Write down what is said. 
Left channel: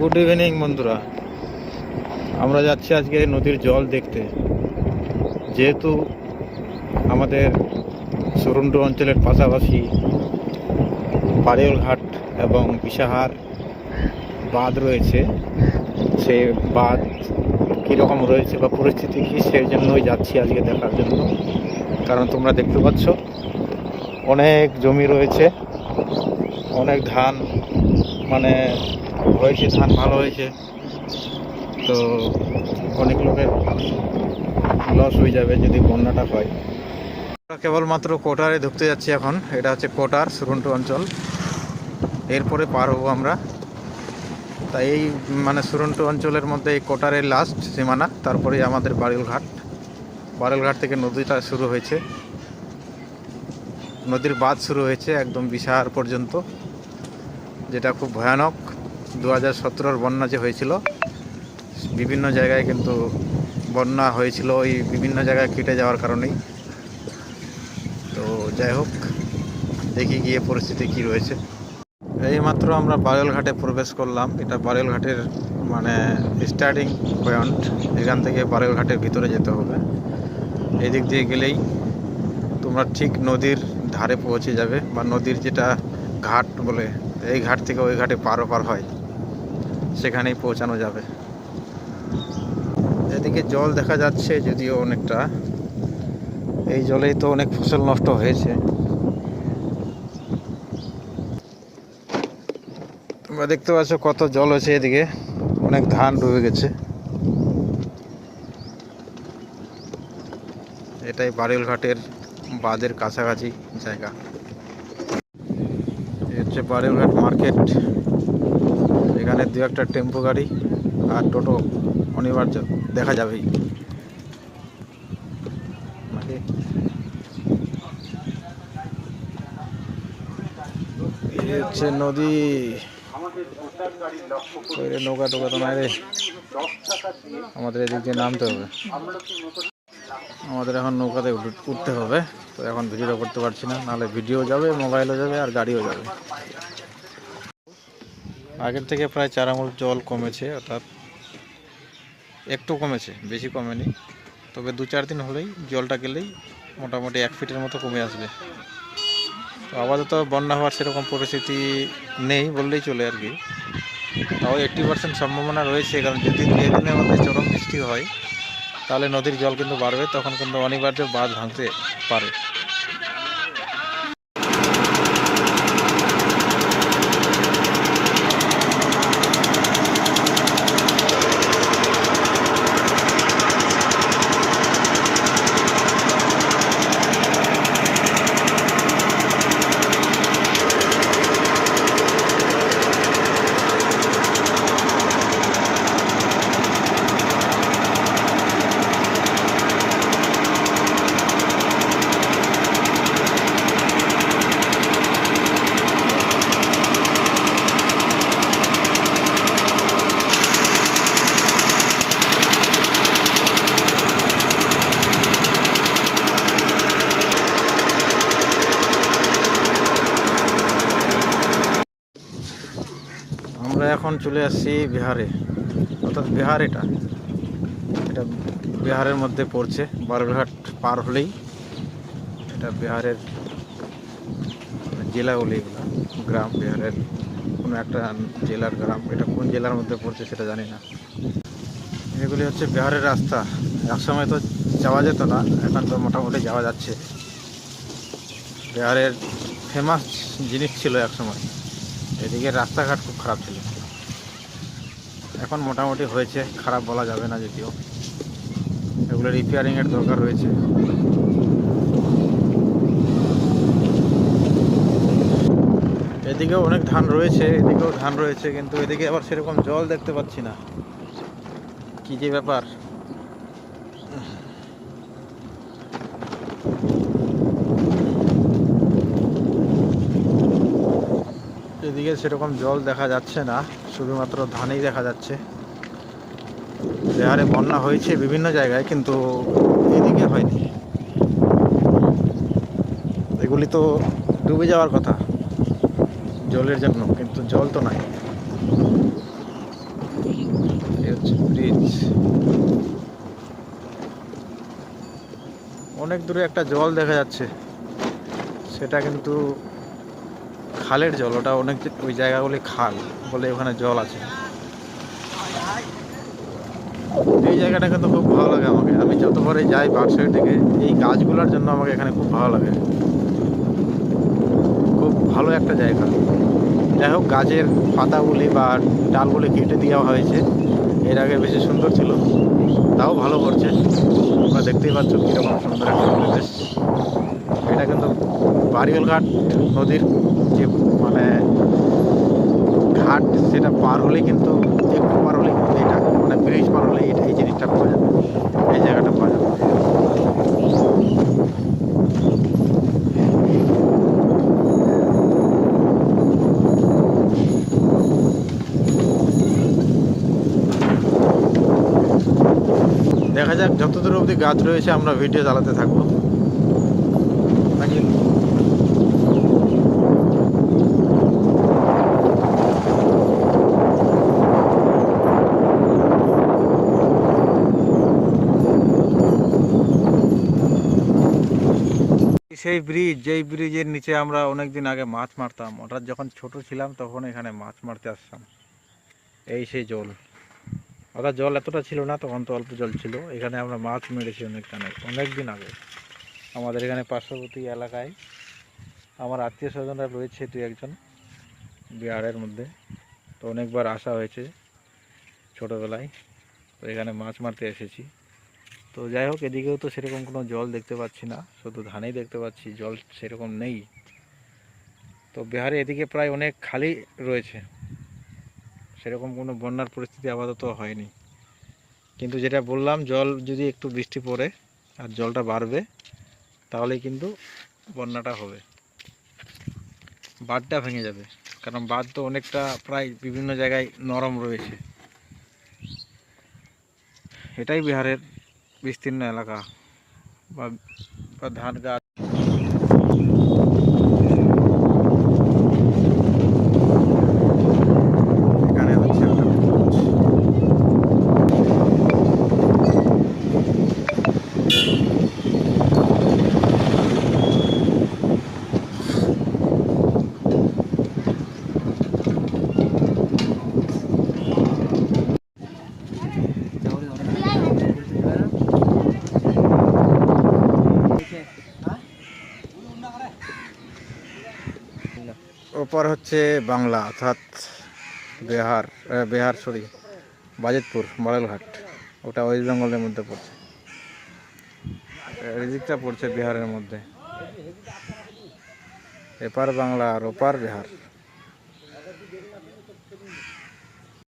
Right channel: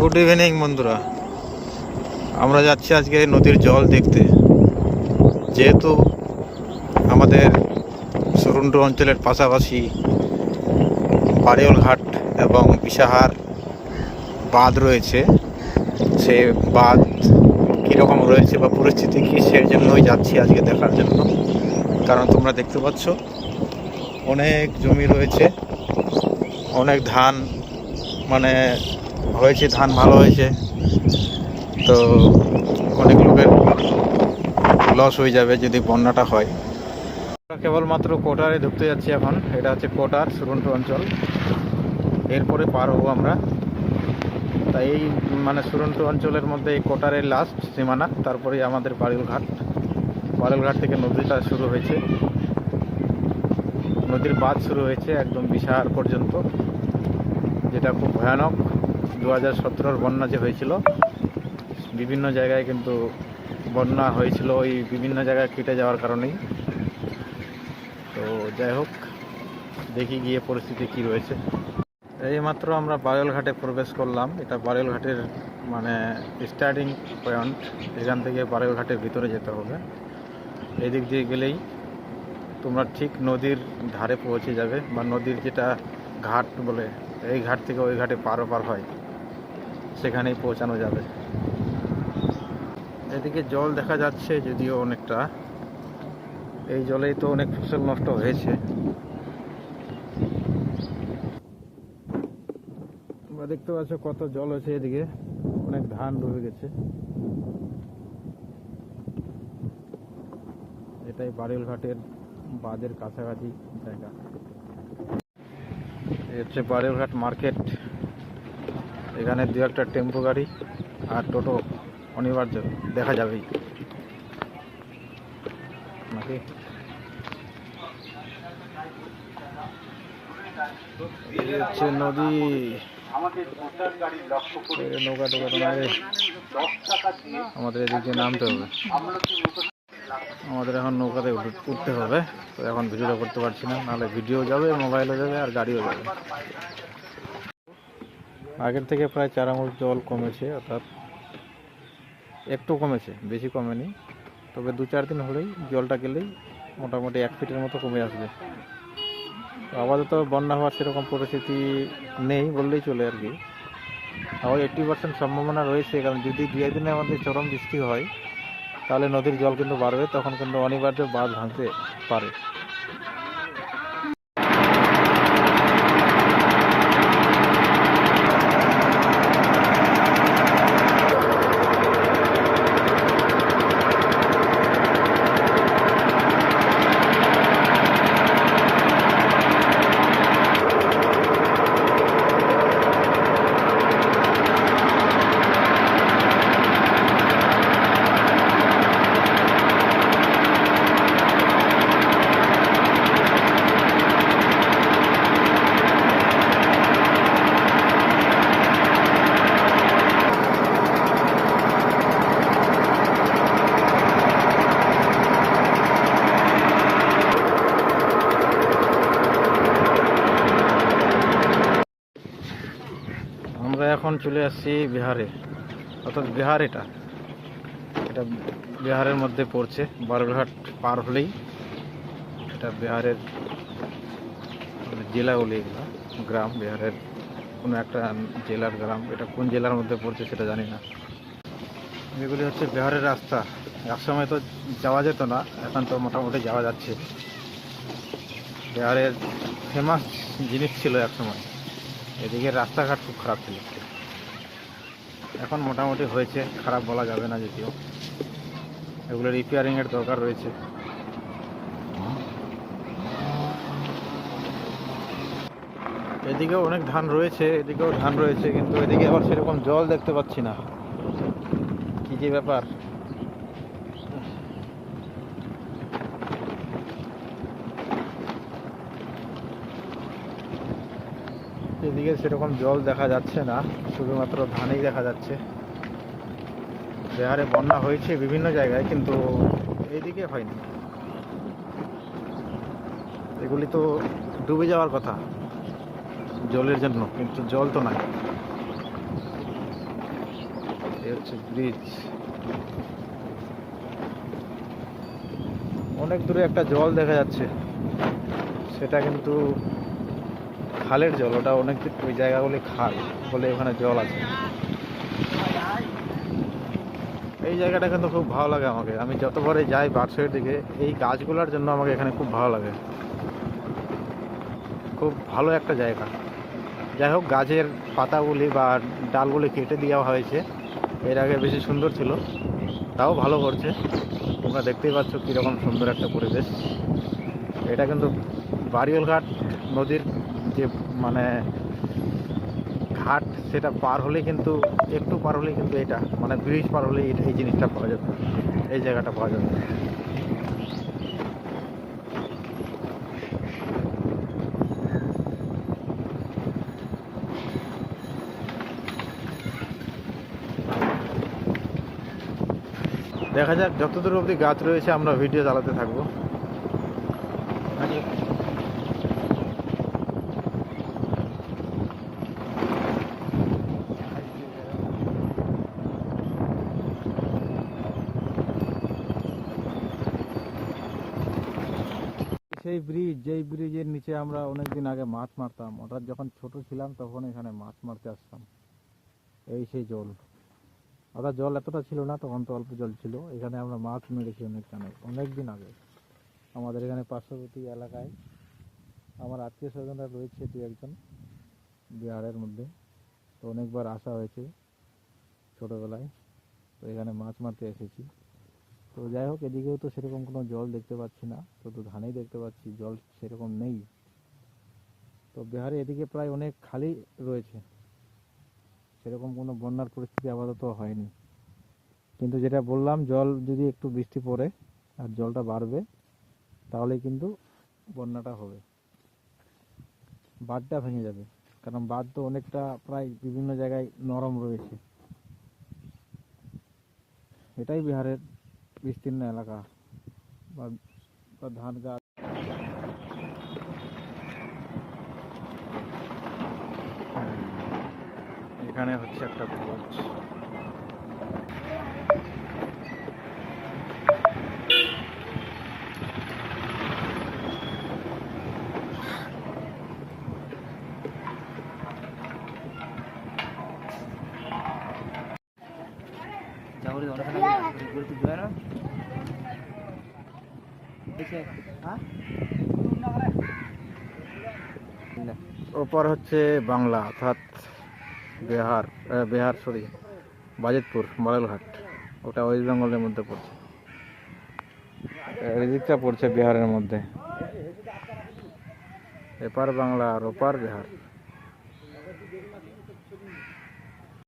Good evening বন্ধুরা। আমরা যাচ্ছি আজকে নদীর জল দেখতে। যেহেতু আমাদের সরুন্ড অঞ্চলের পাশাপাশি বাড়িওল ঘাট এবং বিশাহার বাঁধ রয়েছে, সে বাঁধ কীরকম রয়েছে বা পরিস্থিতি কী, সেই জন্যই যাচ্ছি আজকে দেখার জন্য। কারণ তোমরা দেখতে পাচ্ছ, অনেক জমি রয়েছে, অনেক ধান মানে হয়েছে, ধান ভালো হয়েছে। তো অনেক লোকের লস হয়ে যাবে যদি বন্যাটা হয়। আমরা কেবলমাত্র কোটারে ঢুকতে যাচ্ছি এখন, এটা হচ্ছে কোটার সুরন্টু অঞ্চল। এরপরে পার হব আমরা। তাই এই মানে সুরন্টু অঞ্চলের মধ্যে এই কোটারের লাস্ট সীমানা, তারপরে আমাদের বাড়িল ঘাট বাড়িল ঘাট থেকে নদীটা শুরু হয়েছে। নদীর বাঁধ শুরু হয়েছে একদম বিশার পর্যন্ত, যেটা খুব ভয়ানক। দু হাজার সতেরোর বন্যা যে হয়েছিল, বিভিন্ন জায়গায় কিন্তু বন্যা হয়েছিল, ওই বিভিন্ন জায়গায় কেটে যাওয়ার কারণেই। তো যাই হোক, দেখি গিয়ে পরিস্থিতি কি রয়েছে। এইমাত্র আমরা বারেল ঘাটে প্রবেশ করলাম। এটা বারেল ঘাটের মানে স্টার্টিং পয়েন্ট এখান থেকে বারেল ঘাটের ভিতরে যেতে হবে। এদিক দিয়ে গেলেই তোমরা ঠিক নদীর ধারে পৌঁছে যাবে, বা নদীর যেটা ঘাট বলে, এই ঘাট থেকে ওই ঘাটে পার পার হয়। সেখানেই পৌঁছানো যাবে। এদিকে জল দেখা যাচ্ছে যদিও অনেকটা। এই জলেই তো অনেক ফসল নষ্ট হয়েছে। তোমরা দেখতে পাচ্ছ কত জল হয়েছে এদিকে। অনেক ধান ডুবে গেছে। এটাই বারেল ঘাটের বাঁধের কাছাকাছি জায়গা। হচ্ছে বারেলঘাট মার্কেট। এখানে দু একটা টেম্পো গাড়ি আর টোটো অনিবার্য দেখা এই হচ্ছে নদী। নৌকা টোকা তো আমাদের এদিক দিয়ে নামতে হবে। আমাদের এখন নৌকাতে উঠ- উঠতে হবে। তো এখন ভিডিও করতে পারছি না। নাহলে ভিডিও যাবে, মোবাইলও যাবে আর গাড়িও যাবে। আগের থেকে প্রায় চার আঙুল জল কমেছে, অর্থাৎ একটু কমেছে, বেশি কমেনি। তবে দু চার দিন হলেই জলটা গেলেই মোটামুটি এক ফিটের মতো কমে আসবে। তো আপাতত বন্যা হওয়ার সেরকম পরিস্থিতি নেই বললেই চলে আর কি। তাও এইট্টি পার্সেন্ট সম্ভাবনা রয়েছে, কারণ যদি দু একদিনের মধ্যে চরম বৃষ্টি হয় তাহলে নদীর জল কিন্তু বাড়বে তখন কিন্তু অনিবার্য বাঁধ ভাঙতে পারে আমরা এখন চলে আসছি বিহারে। অর্থাৎ বিহার এটা। এটা বিহারের মধ্যে পড়ছে। বারঘাট পার হলেই এটা বিহারের মানে জেলা বলে এগুলো। গ্রাম, বিহারের কোনো একটা জেলার গ্রাম। এটা কোন জেলার মধ্যে পড়ছে সেটা জানি না। এগুলি হচ্ছে বিহারের রাস্তা। একসময় তো যাওয়া যেত না, এখন তো মোটামুটি যাওয়া যাচ্ছে। বিহারের ফেমাস জিনিস ছিল একসময় এদিকে রাস্তাঘাট খুব খারাপ ছিল। এখন মোটামুটি হয়েছে, খারাপ বলা যাবে না যদিও। এগুলো রিপেয়ারিংয়ের দরকার রয়েছে। এদিকেও অনেক ধান রয়েছে, এদিকেও ধান রয়েছে, কিন্তু এদিকে আবার সেরকম জল দেখতে পাচ্ছি না। কী যে ব্যাপার? এদিকে সেরকম জল দেখা যাচ্ছে না, শুধুমাত্র ধানেই দেখা যাচ্ছে। বিহারে বন্যা হয়েছে বিভিন্ন জায়গায়, কিন্তু এদিকে হয়নি। এগুলি তো ডুবে যাওয়ার কথা, জলের জন্য, কিন্তু জল তো নাই। ব্রিজ। অনেক দূরে একটা জল দেখা যাচ্ছে, সেটা কিন্তু খালের জল, ওটা অনেক ওই জায়গাগুলি খাল বলে ওখানে জল আছে। এই জায়গাটা কিন্তু খুব ভালো লাগে আমাকে। আমি যতবারে যাই বাক্সের দিকে, এই গাছগুলোর জন্য আমাকে এখানে খুব ভালো লাগে। খুব ভালো একটা জায়গা। যাই হোক, গাছের পাতাগুলি বা ডালগুলি কেটে দেওয়া হয়েছে। এর আগে বেশি সুন্দর ছিল, তাও ভালো করছে। তোমরা দেখতেই পাচ্ছ কীরকম সুন্দর একটা পরিবেশ। এটা কিন্তু বারিয়ল ঘাট নদীর যে মানে ঘাট সেটা পার হলে কিন্তু, একটু পার হলে কিন্তু এটা মানে ব্রিজ পার হলে এটা, এই জিনিসটা পাওয়া যাবে। এই জায়গাটা পাওয়া যাবে। দেখা যাক, যতদূর অবধি গাছ রয়েছে, আমরা ভিডিও চালাতে থাকব। সেই ব্রিজ যেই ব্রিজের নিচে আমরা অনেক দিন আগে মাছ মারতাম। ওটা যখন ছোট ছিলাম তখন এখানে মাছ মারতে আসতাম। এই সেই জল। ওটা জল এতটা ছিল না, তখন তো অল্প জল ছিল। এখানে আমরা মাছ মেরেছি অনেক অনেক অনেক দিন আগে। আমাদের এখানে পার্শ্ববর্তী এলাকায় আমার আত্মীয় স্বজনরা রয়েছে দু একজন বিহারের মধ্যে। তো অনেকবার আসা হয়েছে ছোটোবেলায়। তো এখানে মাছ মারতে এসেছি। তো যাই হোক এদিকেও তো সেরকম কোনো জল দেখতে পাচ্ছি না। শুধু ধানেই দেখতে পাচ্ছি, জল সেরকম নেই। তো বিহারে এদিকে প্রায় অনেক খালি রয়েছে। সেরকম কোনো বন্যার পরিস্থিতি আপাতত হয়নি। কিন্তু যেটা বললাম, জল যদি একটু বৃষ্টি পড়ে আর জলটা বাড়বে, তাহলে কিন্তু বন্যাটা হবে। বাঁধটা ভেঙে যাবে। কারণ বাঁধ তো অনেকটা প্রায় বিভিন্ন জায়গায় নরম রয়েছে। এটাই বিহারের বিস্তীর্ণ এলাকা বা বা ধান গাছ এখানে হচ্ছে একটা ব্রিজ। ওপর হচ্ছে বাংলা, অর্থাৎ বিহার বিহার সরি বাজিতপুর মডেলঘাট ওটা ওয়েস্ট বেঙ্গলের মধ্যে পড়ছে। রিজিকটা পড়ছে বিহারের মধ্যে। এপার বাংলা আর ওপার বিহার।